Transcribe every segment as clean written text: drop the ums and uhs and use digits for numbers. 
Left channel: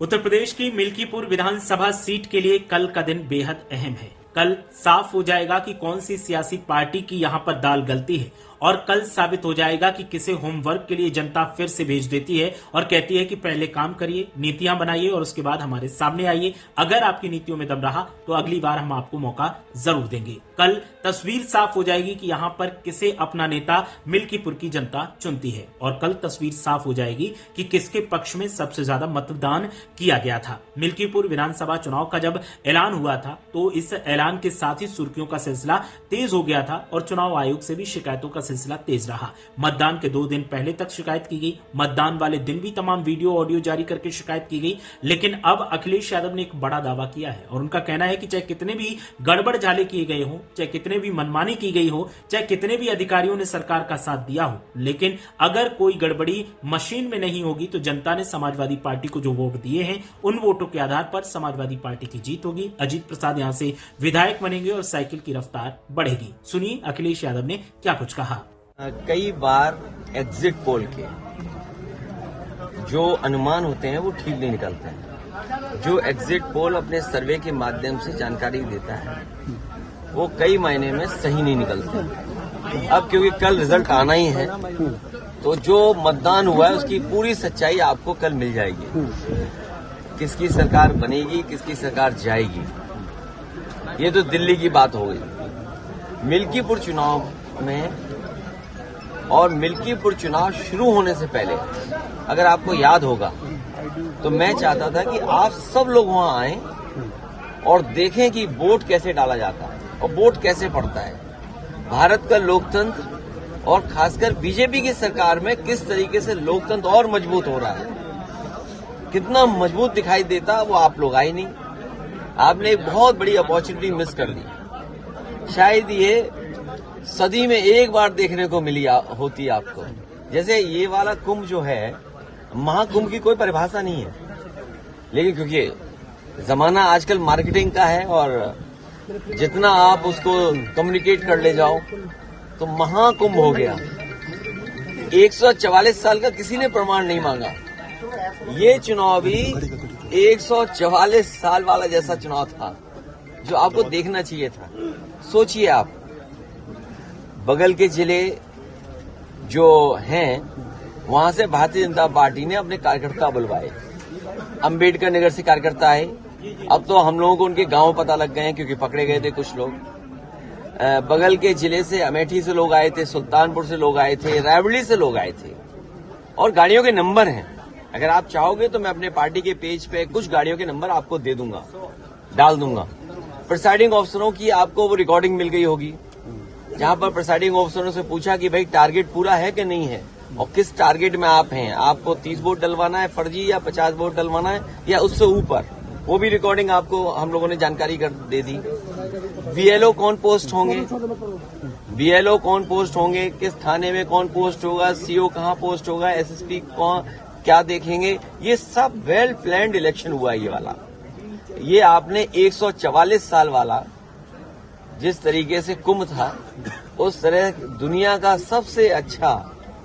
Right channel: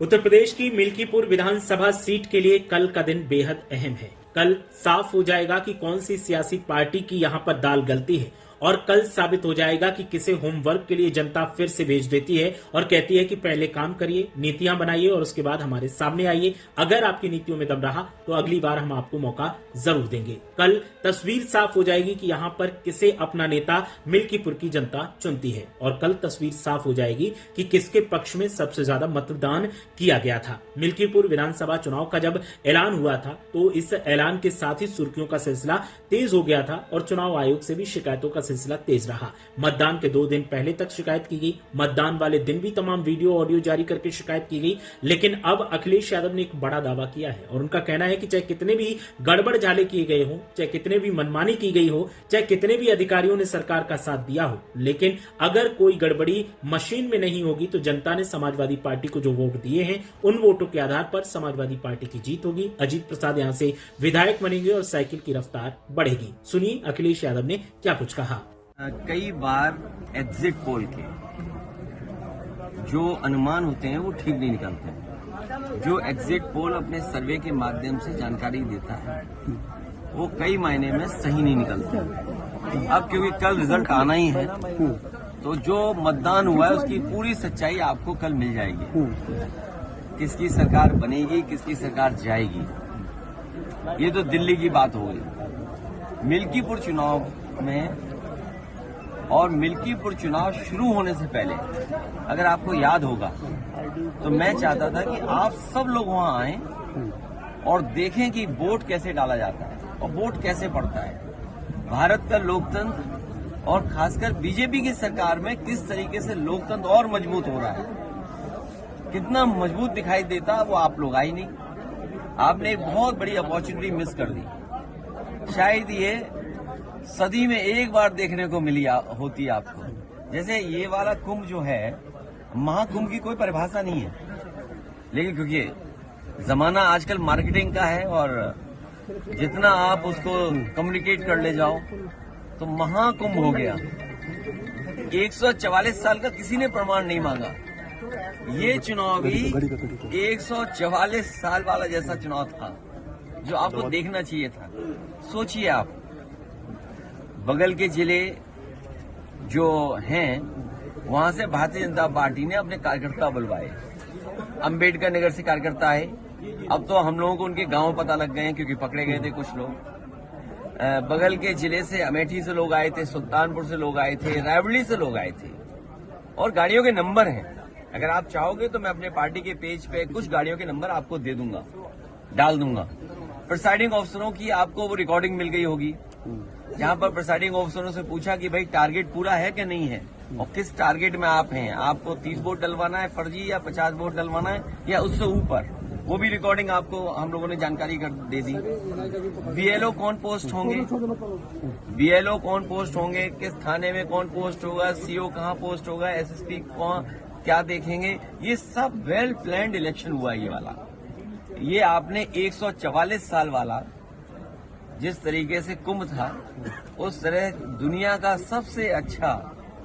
उत्तर प्रदेश की मिल्कीपुर विधानसभा सीट के लिए कल का दिन बेहद अहम है। कल साफ हो जाएगा कि कौन सी सियासी पार्टी की यहां पर दाल गलती है और कल साबित हो जाएगा कि किसे होमवर्क के लिए जनता फिर से भेज देती है और कहती है कि पहले काम करिए, नीतियां बनाइए और उसके बाद हमारे सामने आइए। अगर आपकी नीतियों में दम रहा तो अगली बार हम आपको मौका जरूर देंगे। कल तस्वीर साफ हो जाएगी कि यहाँ पर किसे अपना नेता मिल्कीपुर की जनता चुनती है और कल तस्वीर साफ हो जाएगी कि किसके पक्ष में सबसे ज्यादा मतदान किया गया था। मिल्कीपुर विधानसभा चुनाव का जब ऐलान हुआ था तो इस ऐलान के साथ ही सुर्खियों का सिलसिला तेज हो गया था और चुनाव आयोग से भी शिकायतों का सिलसिला तेज रहा। मतदान के 2 दिन पहले तक शिकायत की गई, मतदान वाले दिन भी तमाम वीडियो ऑडियो जारी करके शिकायत की गई। लेकिन अब अखिलेश यादव ने एक बड़ा दावा किया है और उनका कहना है कि चाहे कितने भी गड़बड़ झाले किए गए हो, चाहे कितने भी मनमानी की गई हो, चाहे कितने भी अधिकारियों ने सरकार का साथ दिया हो, लेकिन अगर कोई गड़बड़ी मशीन में नहीं होगी तो जनता ने समाजवादी पार्टी को जो वोट दिए हैं उन वोटों के आधार पर समाजवादी पार्टी की जीत होगी। अजीत प्रसाद यहां से विधायक बनेंगे और साइकिल की रफ्तार बढ़ेगी। सुनिए अखिलेश यादव ने क्या कुछ कहा। कई बार एग्जिट पोल के जो अनुमान होते हैं वो ठीक नहीं निकलते हैं। जो एग्जिट पोल अपने सर्वे के माध्यम से जानकारी देता है वो कई मायने में सही नहीं निकलते। अब क्योंकि कल रिजल्ट आना ही है तो जो मतदान हुआ है उसकी पूरी सच्चाई आपको कल मिल जाएगी। किसकी सरकार बनेगी, किसकी सरकार जाएगी, ये तो दिल्ली की बात हो गई। मिल्कीपुर चुनाव में और मिल्कीपुर चुनाव शुरू होने से पहले अगर आपको याद होगा तो मैं चाहता था कि आप सब लोग वहां आएं और देखें कि वोट कैसे डाला जाता है और वोट कैसे पड़ता है। भारत का लोकतंत्र और खासकर बीजेपी की सरकार में किस तरीके से लोकतंत्र और मजबूत हो रहा है, कितना मजबूत दिखाई देता वो आप लोग आए नहीं। आपने एक बहुत बड़ी अपॉर्चुनिटी मिस कर दी। शायद ये सदी में एक बार देखने को मिली होती आपको। जैसे ये वाला कुंभ जो है, महाकुंभ की कोई परिभाषा नहीं है, लेकिन क्योंकि जमाना आजकल मार्केटिंग का है और जितना आप उसको कम्युनिकेट कर ले जाओ तो महाकुंभ हो गया। 144 साल का किसी ने प्रमाण नहीं मांगा। ये चुनाव भी 144 साल वाला जैसा चुनाव था जो आपको देखना चाहिए था। सोचिए आप, बगल के जिले जो हैं वहां से भारतीय जनता पार्टी ने अपने कार्यकर्ता बुलवाए। अंबेडकर नगर से कार्यकर्ता आए। अब तो हम लोगों को उनके गांव पता लग गए हैं क्योंकि पकड़े गए थे कुछ लोग। बगल के जिले से अमेठी से लोग आए थे, सुल्तानपुर से लोग आए थे, रायबरेली से लोग आए थे और गाड़ियों के नंबर हैं। अगर आप चाहोगे तो मैं अपने पार्टी के पेज पे कुछ गाड़ियों के नंबर आपको दे दूंगा, डाल दूंगा। प्रिसाइडिंग अफसरों की आपको वो रिकॉर्डिंग मिल गई होगी जहां पर प्रिसाइडिंग अफसरों से पूछा कि भाई टारगेट पूरा है कि नहीं है और किस टारगेट में आप हैं। आपको 30 वोट डलवाना है फर्जी या 50 वोट डलवाना है या उससे ऊपर, वो भी रिकॉर्डिंग आपको हम लोगों ने जानकारी कर दे दी। बीएलओ कौन पोस्ट होंगे, किस थाने में कौन पोस्ट होगा, सीओ कहां पोस्ट होगा, एसएसपी कौन क्या देखेंगे, ये सब वेल प्लान्ड इलेक्शन हुआ। ये वाला ये आपने 144 साल वाला जिस तरीके से कुंभ था उस तरह दुनिया का सबसे अच्छा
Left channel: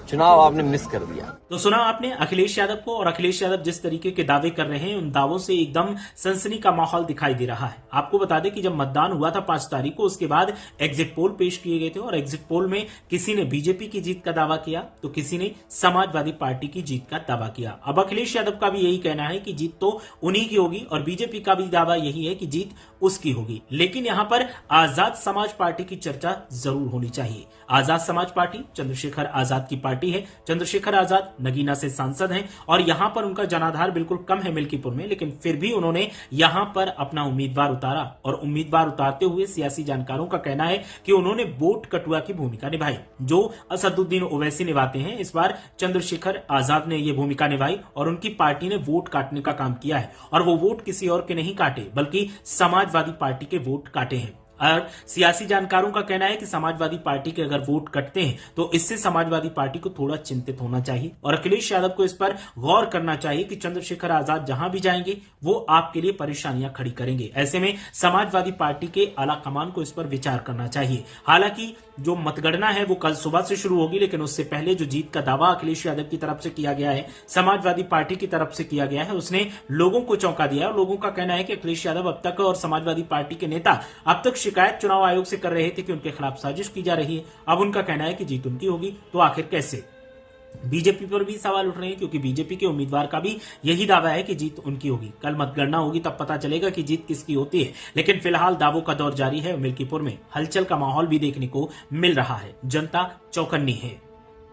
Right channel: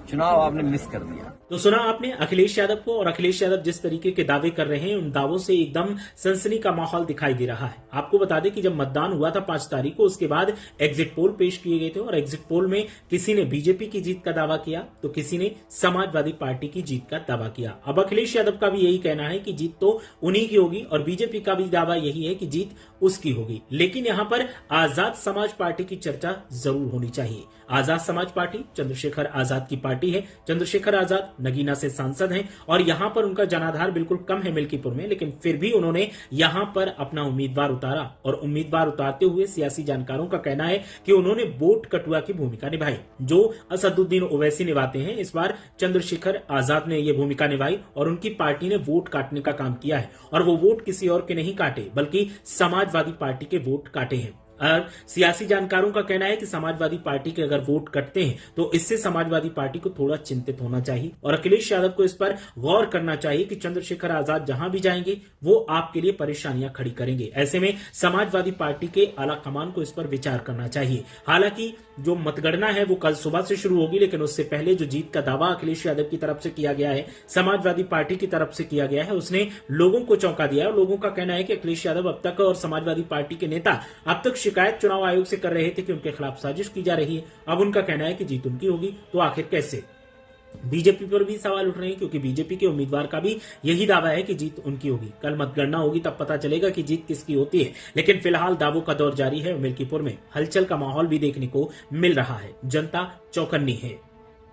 चुनाव आपने मिस कर दिया। तो सुना आपने अखिलेश यादव को, और अखिलेश यादव जिस तरीके के दावे कर रहे हैं उन दावों से एकदम सनसनी का माहौल दिखाई दे रहा है। आपको बता दें कि जब मतदान हुआ था 5 तारीख को, उसके बाद एग्जिट पोल पेश किए गए थे और एग्जिट पोल में किसी ने बीजेपी की जीत का दावा किया तो किसी ने समाजवादी पार्टी की जीत का दावा किया। अब अखिलेश यादव का भी यही कहना है कि जीत तो उन्हीं की होगी और बीजेपी का भी दावा यही है कि जीत उसकी होगी। लेकिन यहां पर आजाद समाज पार्टी की चर्चा जरूर होनी चाहिए। आजाद समाज पार्टी चंद्रशेखर आजाद की पार्टी है। चंद्रशेखर आजाद नगीना से सांसद हैं और यहां पर उनका जनाधार बिल्कुल कम है मिल्कीपुर में, लेकिन फिर भी उन्होंने यहां पर अपना उम्मीदवार उतारा और उम्मीदवार उतारते हुए सियासी जानकारों का कहना है कि उन्होंने वोट कटुआ की भूमिका निभाई जो असदुद्दीन ओवैसी निभाते हैं। इस बार चंद्रशेखर आजाद ने यह भूमिका निभाई और उनकी पार्टी ने वोट काटने का काम किया है और वो वोट किसी और के नहीं काटे बल्कि समाजवादी पार्टी के वोट काटे हैं। और सियासी जानकारों का कहना है कि समाजवादी पार्टी के अगर वोट कटते हैं तो इससे समाजवादी पार्टी को थोड़ा चिंतित होना चाहिए और अखिलेश यादव को इस पर गौर करना चाहिए कि चंद्रशेखर आजाद जहां भी जाएंगे वो आपके लिए परेशानियां खड़ी करेंगे। ऐसे में समाजवादी पार्टी के आला कमान को इस पर विचार करना चाहिए। हालांकि जो मतगणना है वो कल सुबह से शुरू होगी, लेकिन उससे पहले जो जीत का दावा अखिलेश यादव की तरफ से किया गया है, समाजवादी पार्टी की तरफ से किया गया है, उसने लोगों को चौंका दिया है। लोगों का कहना है कि अखिलेश यादव अब तक और समाजवादी पार्टी के नेता अब तक शिकायत चुनाव आयोग से कर रहे थे कि उनके खिलाफ साजिश की जा रही है। अब उनका कहना है कि जीत उनकी होगी, तो आखिर कैसे? बीजेपी पर भी सवाल उठ रहे हैं, क्योंकि बीजेपी के उम्मीदवार का भी यही दावा है कि जीत उनकी होगी। कल मतगणना होगी, तब पता चलेगा कि जीत किसकी होती है। लेकिन फिलहाल दावों का दौर जारी है। मिल्कीपुर में हलचल का माहौल भी देखने को मिल रहा है। जनता चौकन्नी है।